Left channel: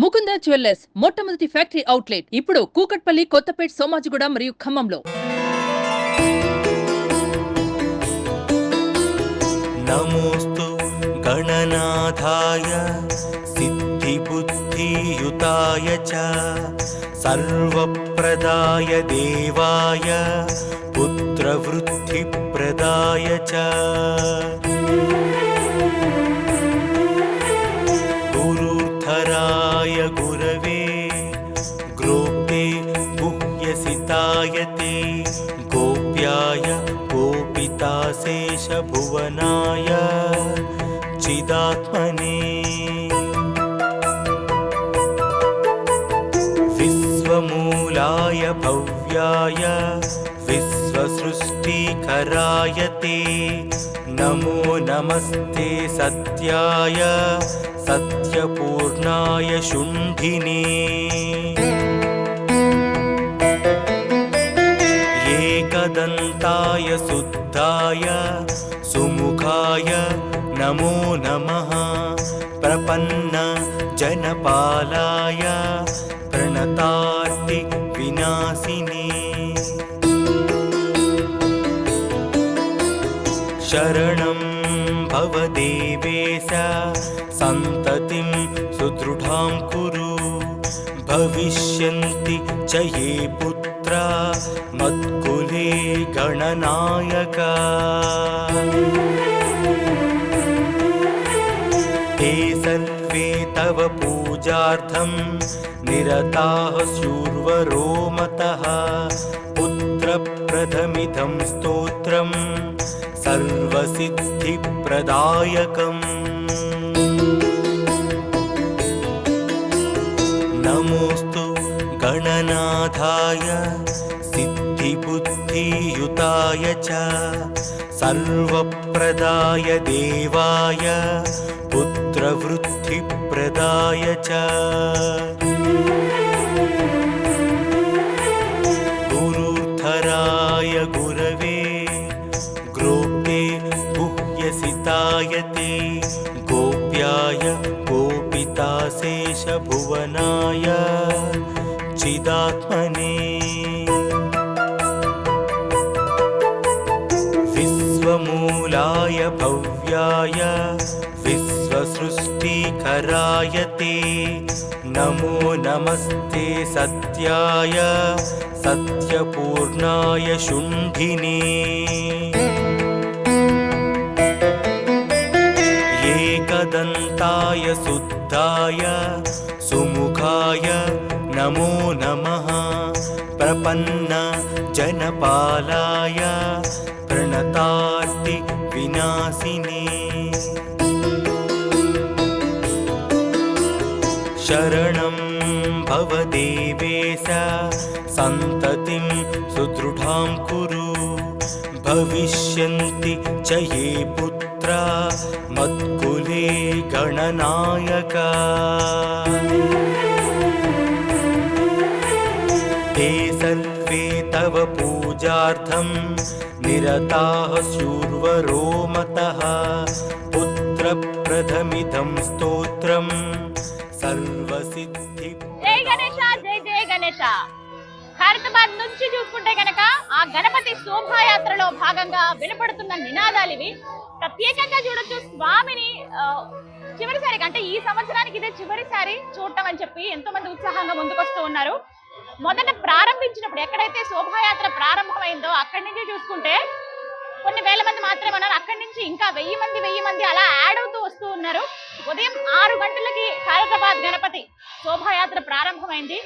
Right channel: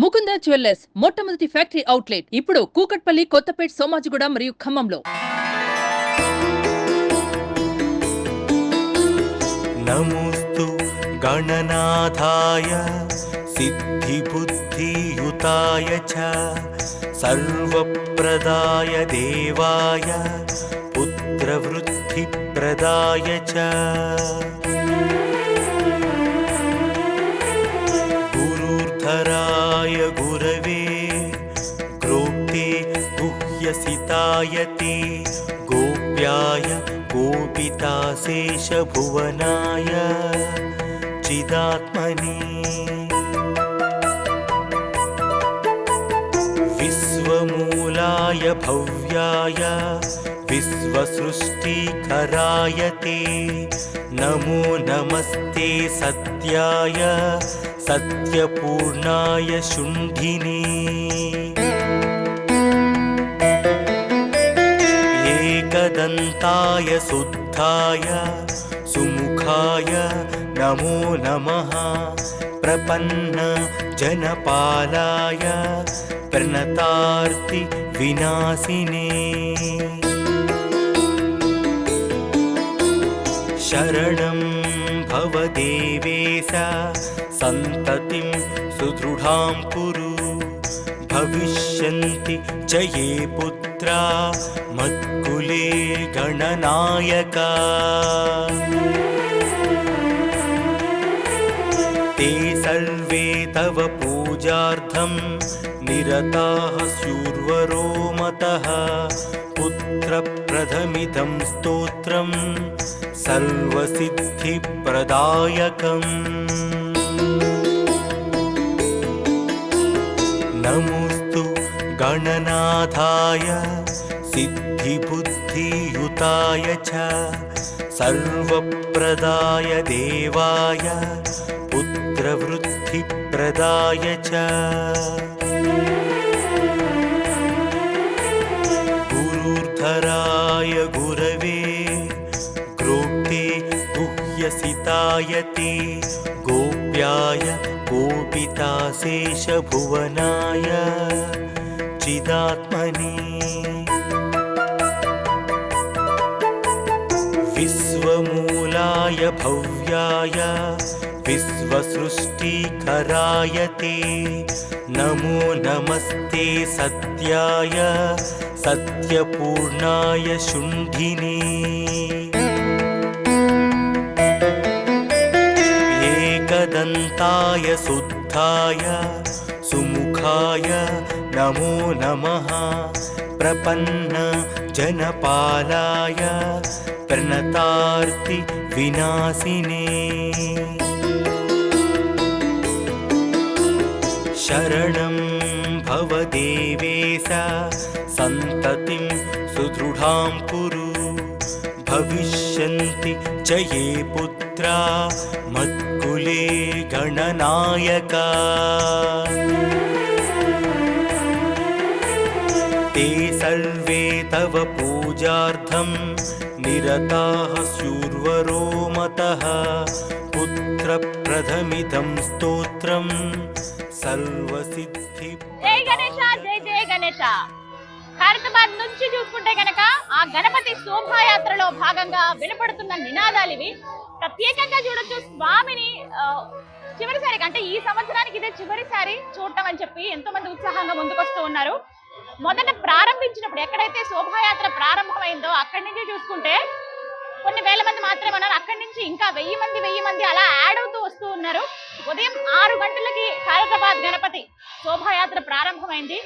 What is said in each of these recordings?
Mukunda jewellers మొట్టమొదటి factory outlet ఇప్పుడు కూకట్పల్లి, కొత్తపేట్, సోమాజిగూడ మరియు ఖమ్మంలో. నమోస్తు గణనాథాయ సిద్ధిబుద్ధియుతాయ చ సర్వప్రదాయ దేవాయ పుత్రవృద్ధిప్రదాయ చ గురుధరాయ గురవే గ్రోప్తే గుహ్యసితాయతే గోప్యాయ गोपिताशेषभुवनाय चिदात्मने विश्वमूलाय भव्याय विश्वसृष्टिकराय ते नमो नमस्ते सत्याय सत्यपूर्णाय शुण्ठिने एकदन्ताय शुद्धाय सुमुखाय नमो नमः प्रपन्न जनपालाय प्रणतार्ति विनाशिने शरणं भव देवेश सन्ततिं सुदृढां कुरु भविष्यन्ति च ये पुत्रा मत्कुले गणनायका ते सर्वे तव पूजार्थं निरताः शूर्वरो मतः पुत्रप्रथमिदं स्तोत्रं सर्वसिद्धिप्रदायकम् नमोस्तु गणनाथाय सिद्धिबुद्धियुताय च सर्वप्रदाय देवाय पुत्रवृद्धिप्रदाय च गुरुधराय गुरवे ग्रोप्ते गुह्यसितायते गोप्याय गोपिताशेषभुवनाय चिदात्मने विश्वमूलाय भव्याय विश्वसृष्टिकराय ते नमो नमस्ते सत्याय सत्यपूर्णाय शुण्ठिने एकदन्ताय शुद्धाय सुमुखाय नमो नमः प्रपन्न जनपालाय प्रणतार्ति विनाशिने शरणं भव देवेश सन्ततिं सुदृढां कुरु भविष्यन्ति च ये पुत्रा मत्कुले गणनायका ते सर्वे तव पूजार्थं निरताः शूर्वरो मतः पुत्रप्रथमिदं स्तोत्रं सर्वसिद्धि జై గణేశ జై జై గణేశ. ఖైరతాబాద్ నుంచి చూసుకుంటే గనక ఆ గణపతి శోభాయాత్రలో భాగంగా వినపడుతున్న నినాదాలు ఇవి. ప్రత్యేకంగా చూడొచ్చు స్వామిని చివరిసారి అంటే ఈ సంవత్సరానికి ఇదే చివరిసారి చూడటం అని చెప్పి ఎంతో మంది ఉత్సాహంగా ముందుకొస్తూ ఉన్నారు. మొదట ప్రారంభించినప్పుడు ఎక్కడైతే శోభాయాత్ర ప్రారంభమైందో అక్కడి నుంచి చూసుకుంటే కొన్ని వేల మంది మాత్రమే ఉన్నారు. అక్కడి నుంచి ఇంకా 1000 మంది అలా యాడ్ అవుతూ వస్తూ ఉన్నారు. ఉదయం 6 గంటలకి ఖైరతాబాద్ గణపతి శోభాయాత్ర ప్రారంభమైంది.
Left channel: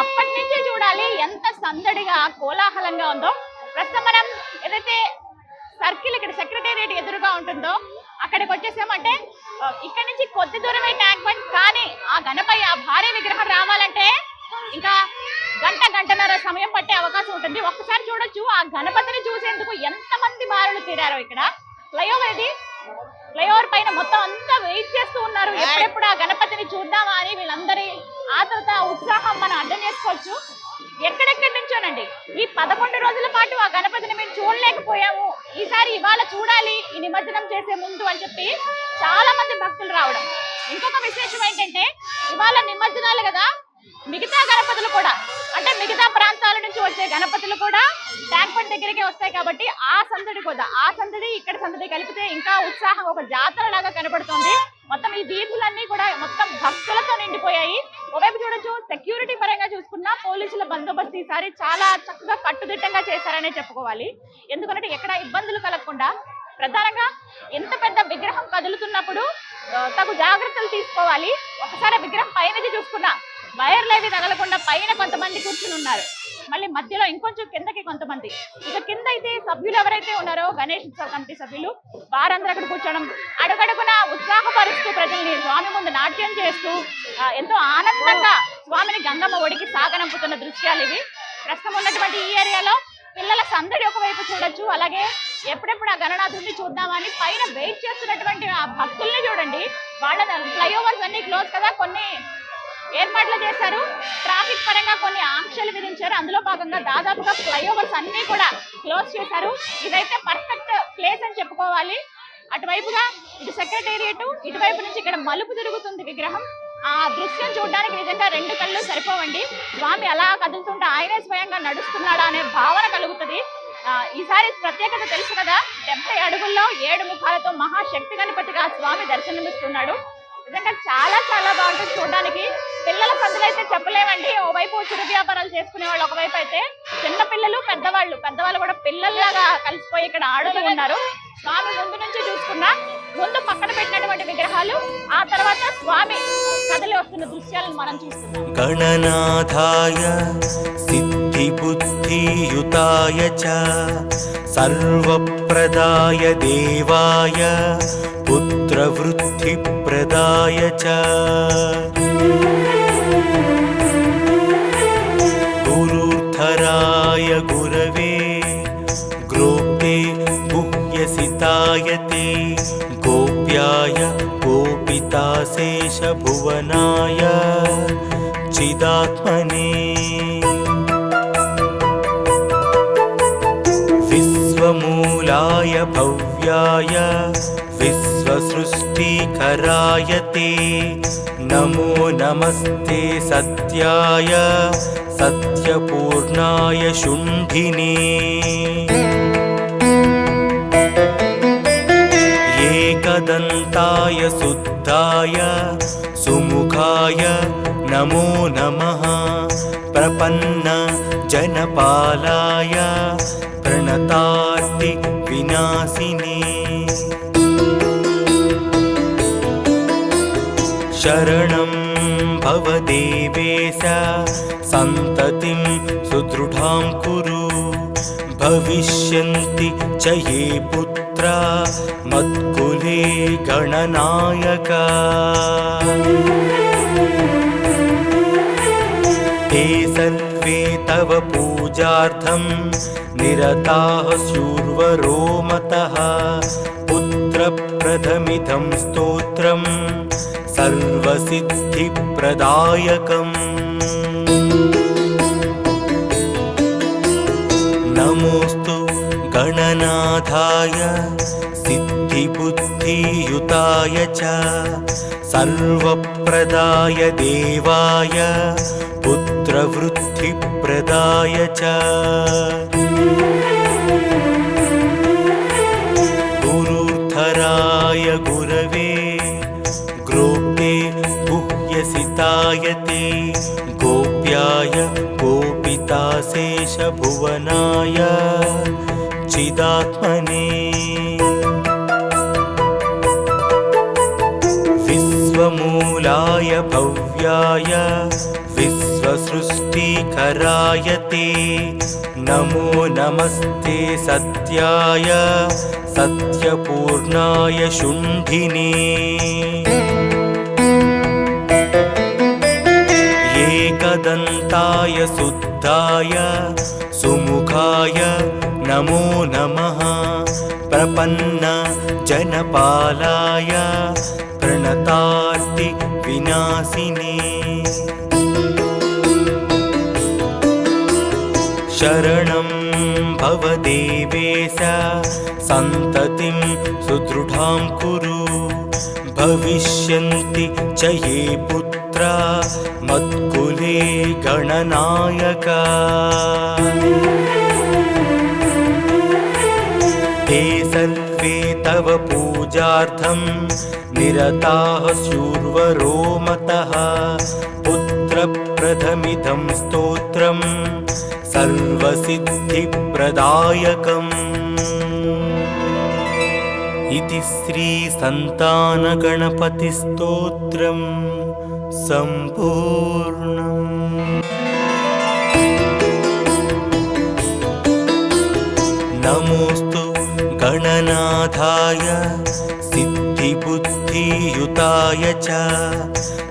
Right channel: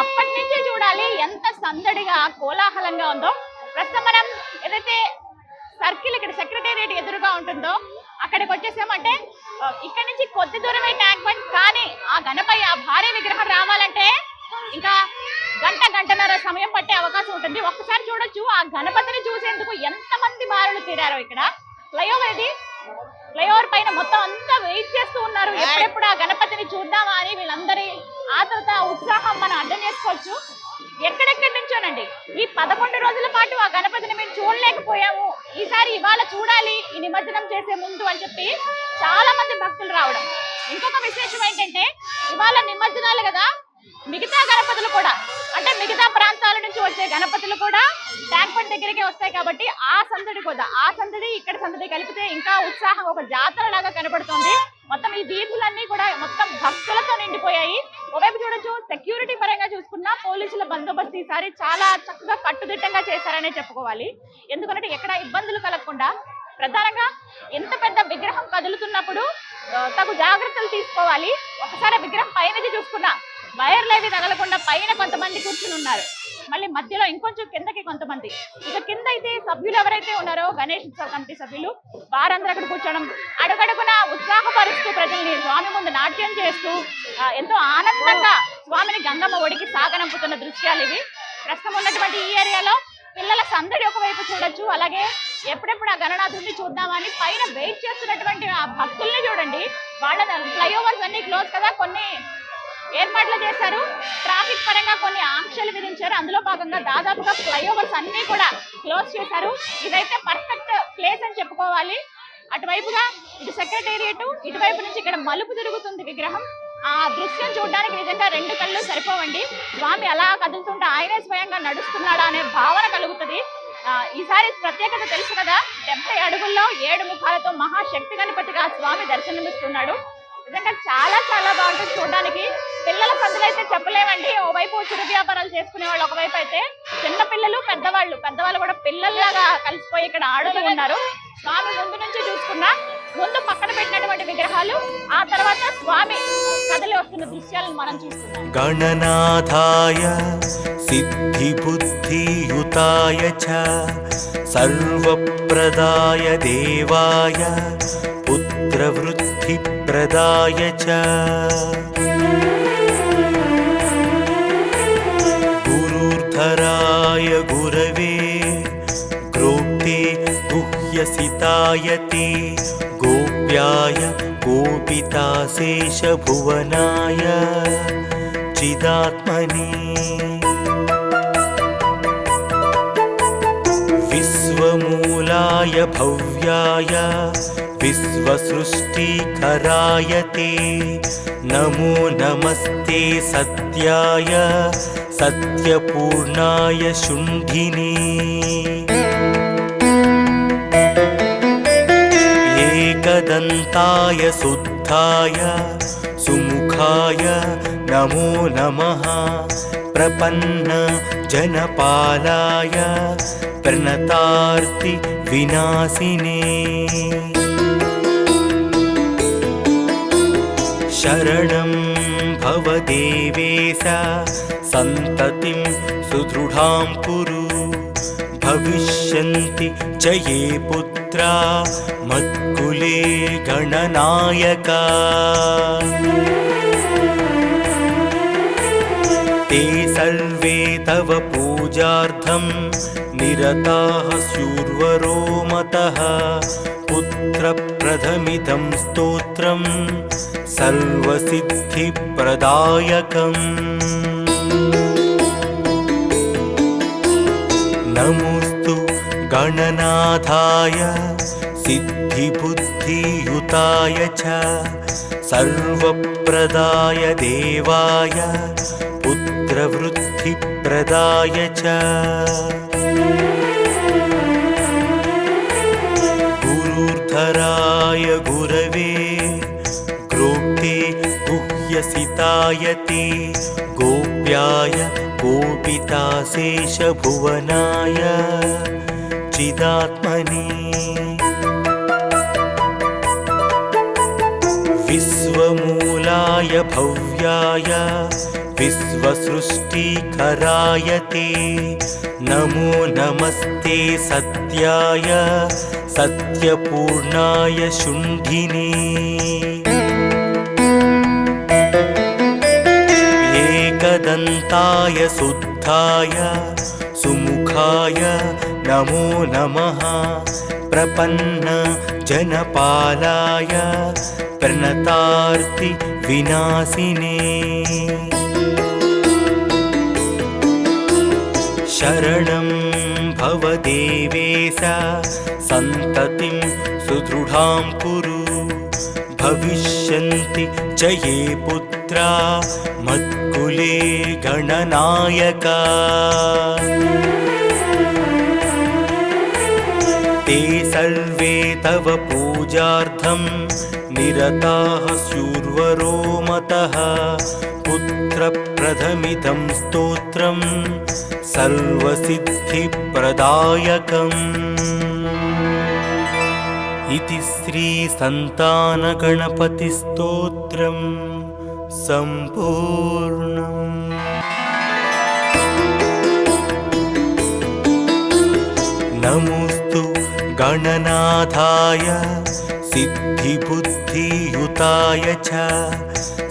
అప్పటి నుంచే చూడాలి ఎంత సందడిగా కోలాహలంగా ఉందో. ప్రస్తుతం మనం ఏదైతే సర్కిల్ ఇక్కడ సెక్రటేరియట్ ఎదురుగా ఉంటుందో అక్కడికి వచ్చేసామంటే ఇక్కడ నుంచి కొద్ది దూరమే ట్యాంక్ బండ్, కానీ ఆ గణపయ్య ఆ భారీ విగ్రహం రావాలంటే ఇంకా గంటన్నర సమయం పట్టే అవకాశం ఉంటుంది. ఒక్కసారి చూడొచ్చు ఆ గణపతిని చూసేందుకు ఎంతమంది బారులు తీరారో. ఇక్కడ ఫ్లైఓవర్ ఇది, ఫ్లైఓవర్ పైన మొత్తం అంతా వెయిట్ చేస్తూ ఉన్నారు ఎప్పుడెప్పుడు ఆ గణపతిని చూద్దామా అని. వీళ్ళందరి ఆతృత ఉత్సాహం మనం అర్థం చేసుకోవచ్చు. ఎక్కడెక్కడి నుంచోనండి ఈ 11 రోజుల పాటు ఆ గణపతిని మేము చూడలేకపోయాము ఈసారి ఇవాళ చూడాలి ఈ నిమజ్జనం చేసే ముందు అని చెప్పి చాలా మంది భక్తులు రావడం. ఇంకొక విశేషం ఏంటంటే ఇవాళ నిమజ్జనాలు కదా, మిగతా గణపతులు కూడా అంటే మిగతా ప్రాంతాల నుంచి వచ్చే గణపతులు కూడా ట్యాంక్ బండ్ దగ్గరికి వస్తాయి కాబట్టి ఆ సందడి ఇక్కడ సందడి కలిపితే ఇంకా ఉత్సాహం, ఒక జాతర లాగా కనబడుతుంది. మొత్తం ఈ వీధులన్నీ కూడా మొత్తం భక్తులతో నిండిపోయాయి. ఒకవైపు చూడొచ్చు, సెక్యూరిటీ పరంగా చూసుకున్నా పోలీసుల బందోబస్తు ఈసారి చాలా చక్కగా కట్టుదిట్టంగా చేశారనే చెప్పుకోవాలి. ఎందుకంటే ఎక్కడ ఇబ్బందులు కలగకుండా, ప్రధానంగా ఎంత పెద్ద విగ్రహం కదులుతున్నప్పుడు తగు జాగ్రత్తలు తీసుకోవాలి. ఒకసారి విగ్రహం పైనది చూసుకున్నా వైర్లేవి తగలకుండా పైన కొంతమంది కూర్చుని ఉన్నారు, మళ్ళీ మధ్యలో ఇంకొంచెం కిందకి కొంతమంది. ఇక కింద అయితే సభ్యులు ఎవరైతే ఉన్నారో గణేష్ ఉత్సవ కమిటీ సభ్యులు వారందరూ అక్కడ కూర్చోవడం, అడుగడుగున ఉత్సాహపరుస్తూ ప్రజల్ని స్వామి ముందు నాట్యం చేస్తూ ఎంతో ఆనందంగా స్వామిని గంగమ్మ ఒడికి సాగనంపుతున్న దృశ్యాలు ఇవి. ప్రస్తుతం ఉన్నటువంటి ఈ ఏరియాలో పిల్లల సందడి ఒకవైపు చూడొచ్చు, అలాగే ఎప్పుడెప్పుడు ఆ గణనాథుడిని చూద్దామని పైన వెయిట్ చేస్తున్నటువంటి ఆ భక్తుల్ని చూడండి. వాళ్ళ ఫ్లైఓవర్స్ అన్ని క్లోజ్ కదా, కొన్ని ఏర్పాట్లు చేశారు, ట్రాఫిక్ పరంగా కొన్ని ఆంక్షలు విధించారు. అందులో భాగంగా దాదాపుగా ఫ్లైఓవర్స్ అన్ని కూడా క్లోజ్ చేశారు. ఇదైతే పర్ఫెక్ట్ ప్లేస్ అని చెప్పుకోవాలి. అటువైపుగా ఇటు సెక్రటేరియట్, ఇటువైపు నుంచి ఇక్కడ మలుపు తిరుగుతుంది విగ్రహం. ఆ దృశ్యం చూడడానికి నిజంగా రెండు కళ్ళు సరిపోవండి. స్వామి అలా కదులుతుంటే ఆయనే స్వయంగా నడుస్తున్నాడా అనే భావన కలుగుతుంది. ఈసారి ప్రత్యేకత తెలుసు కదా, 70 అడుగుల్లో 7 ముఖాలతో మహాశక్తి గణపతిగా స్వామి దర్శనమిస్తున్నాడు. నిజంగా చాలా చాలా బాగుంటుంది చూడడానికి. పిల్లల సందులు అయితే చెప్పలేమండి. ఓవైపు చిరు వ్యాపారాలు చేసుకునే వాళ్ళు, ఒకవైపు అయితే చిన్న పిల్లలు, పెద్దవాళ్ళు కూడా పిల్లల్లాగా కలిసిపోయి ఇక్కడ ఆడుతూ ఉన్నారు. స్వామి ముందు నుంచి చూసుకున్నా, ముందు పక్కన పెట్టినటువంటి విగ్రహాలు, ఆ తర్వాత స్వామి కదలి వస్తున్న దృశ్యాలను మనం చూస్తున్నాం. గణనాథాయ సిద్ధి బుద్ధి యుతాయ చ సర్వప్రదాయ దేవాయ పుత్ర వృద్ధి ప్రదాయ చ గురుధరాయ గురవే గ్రోప్తే గుహ్యసితాయతే గోప్యాయ గోపితాశేష భువనాయ చిదాత్మనే విశ్వమూలాయ భవ్యాయ విశ్వసృష్టికరాయ తే నమో నమస్తే సత్యాయ సత్యపూర్ణాయ శుంఠినే ఏకదంతాయ శుద్ధాయ సుముఖాయ నమో నమః ప్రపన్న జనపాలాయ ప్రణతార్తి వినాశినే శరణం భవ దేవేశ సంతతిం సుదృఢాం కురు భవిష్యంతి చ యే పుత్రా మత్కులే గణనాయక ते सर्वे तव पूजार्थं निरताः शूर्वरो मतः पुत्रप्रथमिदं स्तोत्रं सर्वसिद्धिप्रदायकम् नमोऽस्तु गणनाथाय सिद्धिबुद्धियुताय च सर्वप्रदाय देवाय पुत्रवृद्धिप्रदाय च गुरुधराय गुरवे ग्रोप्ते गुह्यसिताय ते गोप्याय गोपिताशेष भुवनाय चिदात्मने विश्वमूलाय भव्याय विश्वसृष्टिकराय ते नमो नमस्ते सत्याय सत्यपूर्णाय शुंठिने एकदन्ताय शुद्धाय सुमुखाय नमो नमः प्रपन्न जनपालाय प्रणतार्ति विनाशिने शरणं भव देवेश च ये पुत्रा मत्कुले गणनायका ते सर्वे तव पूजार्थं निरताः स्युर्वरो मतः पुत्रप्रथमिदं स्तोत्रं सर्वसिद्धिप्रदायकम् इति श्रीसन्तानगणपतिस्तोत्रं सम्पूर्णम्। नमोऽस्तु गणनाथाय सिद्धिबुद्धियुताय च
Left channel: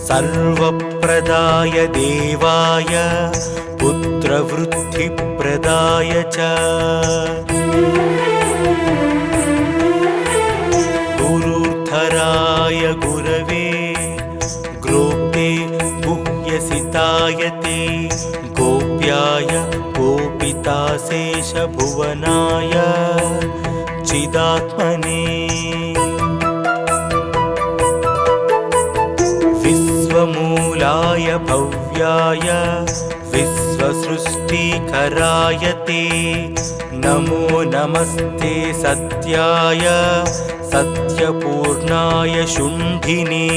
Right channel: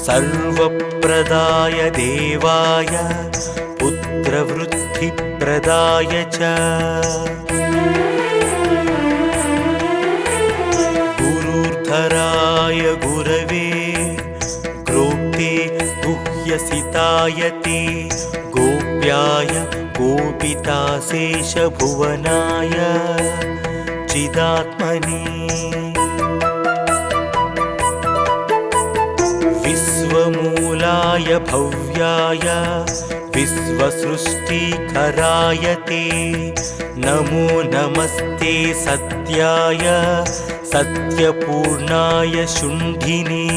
सर्वप्रदाय देवाय पुत्रवृद्धिप्रदाय च गुरुधराय गुरवे ग्रोप्ते गुह्यसिताय ते गोप्याय गोपिताशेषभुवनाय चिदात्मने विश्वमूलाय भव्याय विश्वसृष्टिकराय ते नमो नमस्ते सत्याय सत्यपूर्णाय शुण्ठिने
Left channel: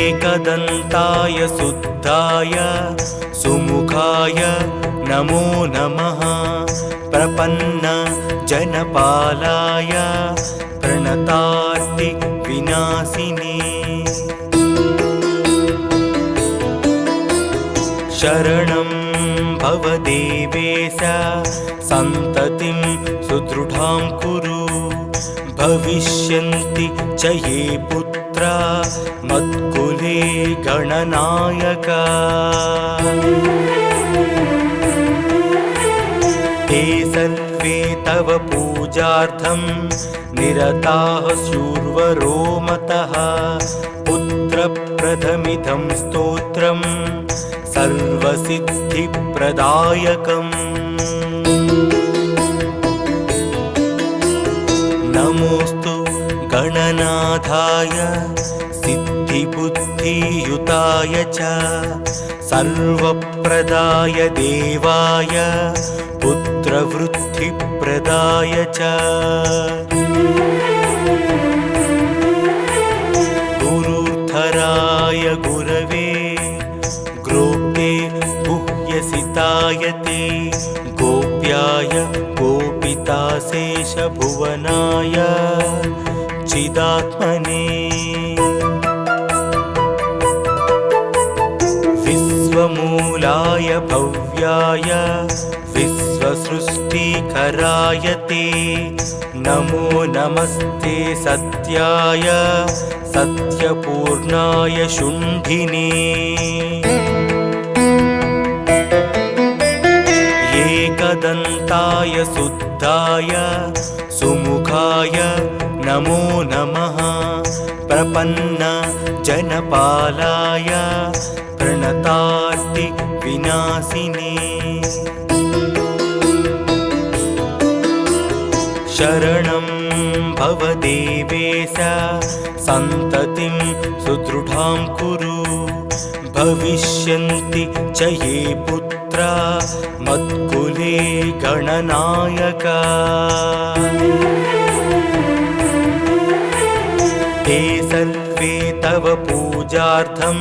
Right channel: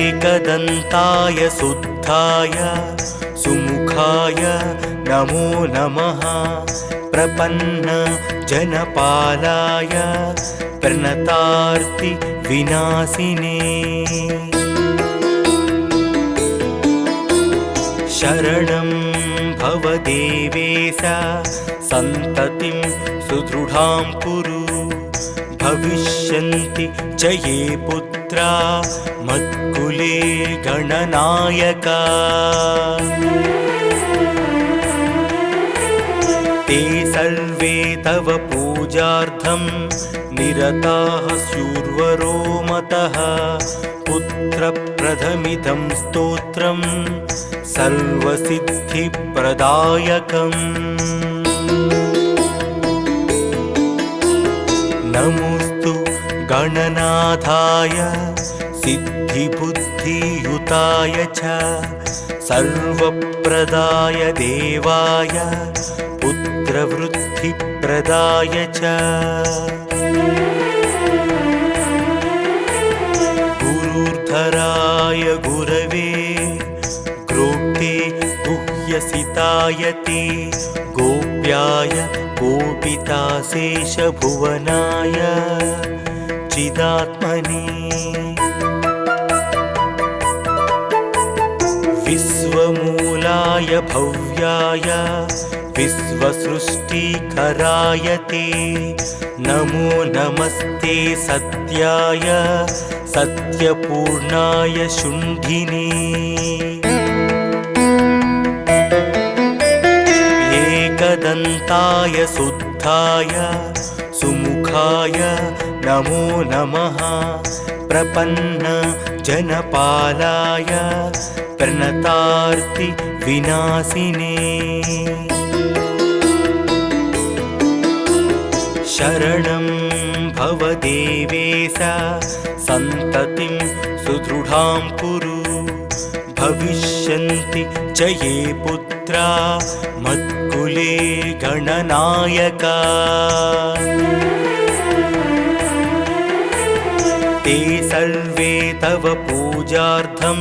एकदन्ताय शुद्धाय सुमुखाय नमो नमः प्रपन्न जनपालाय प्रणतार्ति विनाशिने शरणं भव देवेश सन्ततिं सुदृढां कुरु भविष्यन्ति च ये पुत्रा मत्कुले गणनायका ते सर्वे तव पूजार्थं निरताः स्युर्वरो मतः पुत्रप्रथमिदं स्तोत्रं सर्वसिद्धिप्रदायकम् नमोऽस्तु गणनाथाय सिद्धिबुद्धियुताय च सर्वप्रदाय देवाय पुत्रवृद्धिप्रदाय च गुरुधराय गुरवे ग्रोप्ते गुह्यसिताय ते गोप्याय गोपिताशेषभुवनाय चिदात्मने विश्वमूलाय भव्याय विश्वसृष्टिकराय ते नमो नमस्ते सत्याय सत्यपूर्णाय शुण्ठिने एकदन्ताय शुद्धाय सुमुखाय नमो नमः प्रपन्न जनपालाय प्रणतार्ति विनाशिने शरणं भव देवेश सन्ततिं सुदृढां कुरु भविष्यन्ति च ये पुत्रा मत्कुले गणनायका ते सर्वे तव पूजार्थं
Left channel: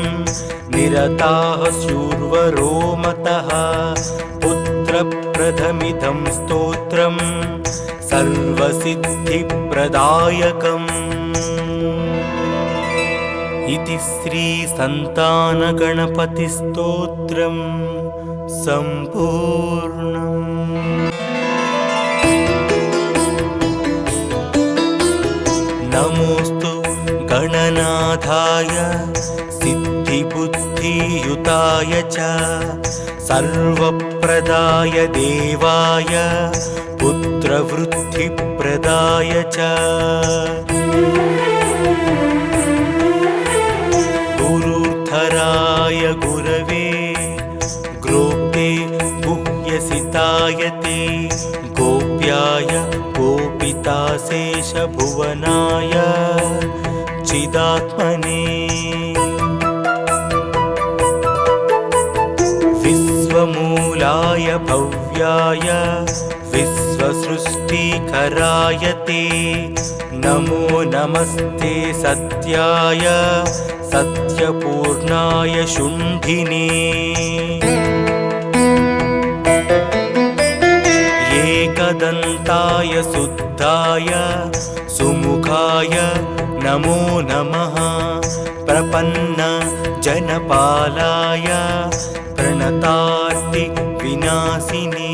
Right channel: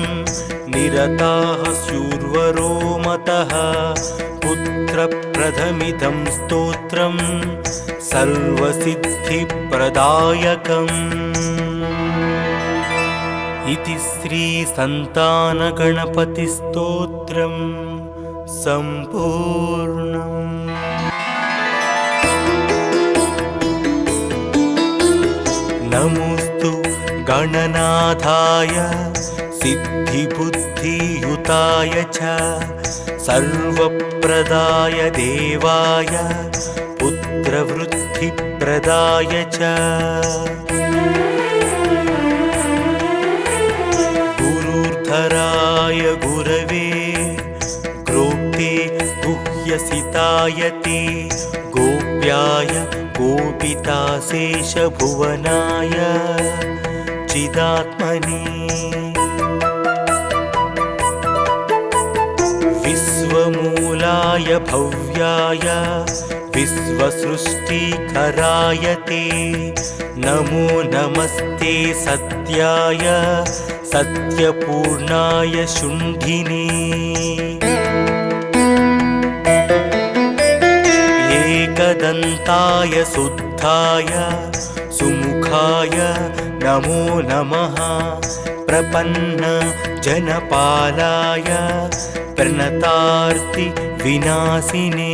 निरताः स्युर्वरो मतः पुत्रप्रथमिदं स्तोत्रं सर्वसिद्धिप्रदायकम् इति श्रीसन्तानगणपतिस्तोत्रं सम्पूर्णम्। नमोऽस्तु गणनाथाय सिद्धिबुद्धियुताय च सर्वप्रदाय देवाय पुत्रवृद्धिप्रदाय च गुरुधराय गुरवे ग्रोप्ते गुह्यसिताय ते गोप्याय गोपिताशेषभुवनाय भव्याय विश्वसृष्टिकराय ते नमो नमस्ते सत्याय सत्यपूर्णाय शुण्ठिने एकदन्ताय शुद्धाय सुमुखाय नमो नमः प्रपन्न जनपालाय प्रणतार्ति विनाशिने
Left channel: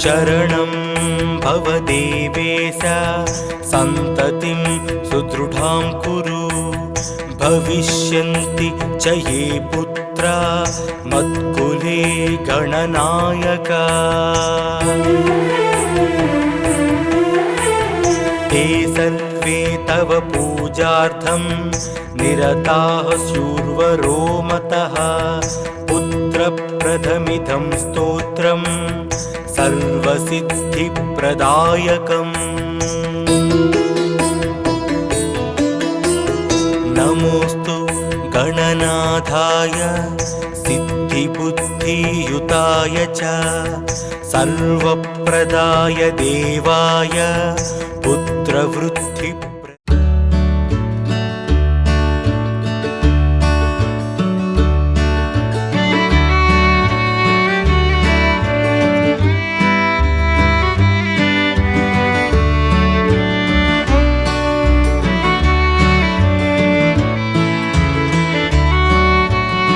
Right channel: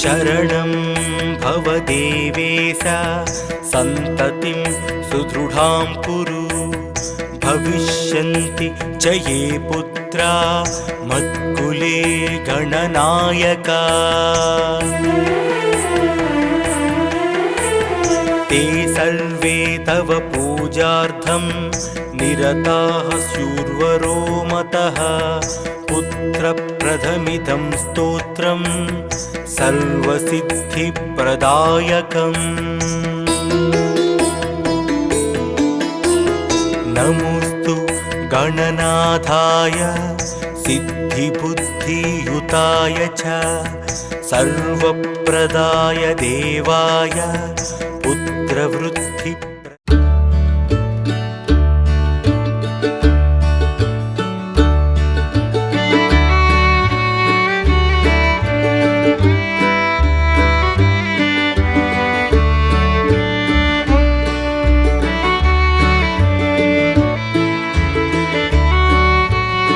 शरणं भव देवेश सन्ततिं सुदृढां कुरु भविष्यन्ति च ये पुत्रा मत्कुले गणनायका ते सर्वे तव पूजार्थं निरताः शूर्वरो मतः पुत्रप्रथमिदं स्तोत्रं सर्वसिद्धिप्रदायकम् नमोऽस्तु गणनाथाय सिद्धिबुद्धियुताय च सर्वप्रदाय देवाय पुत्र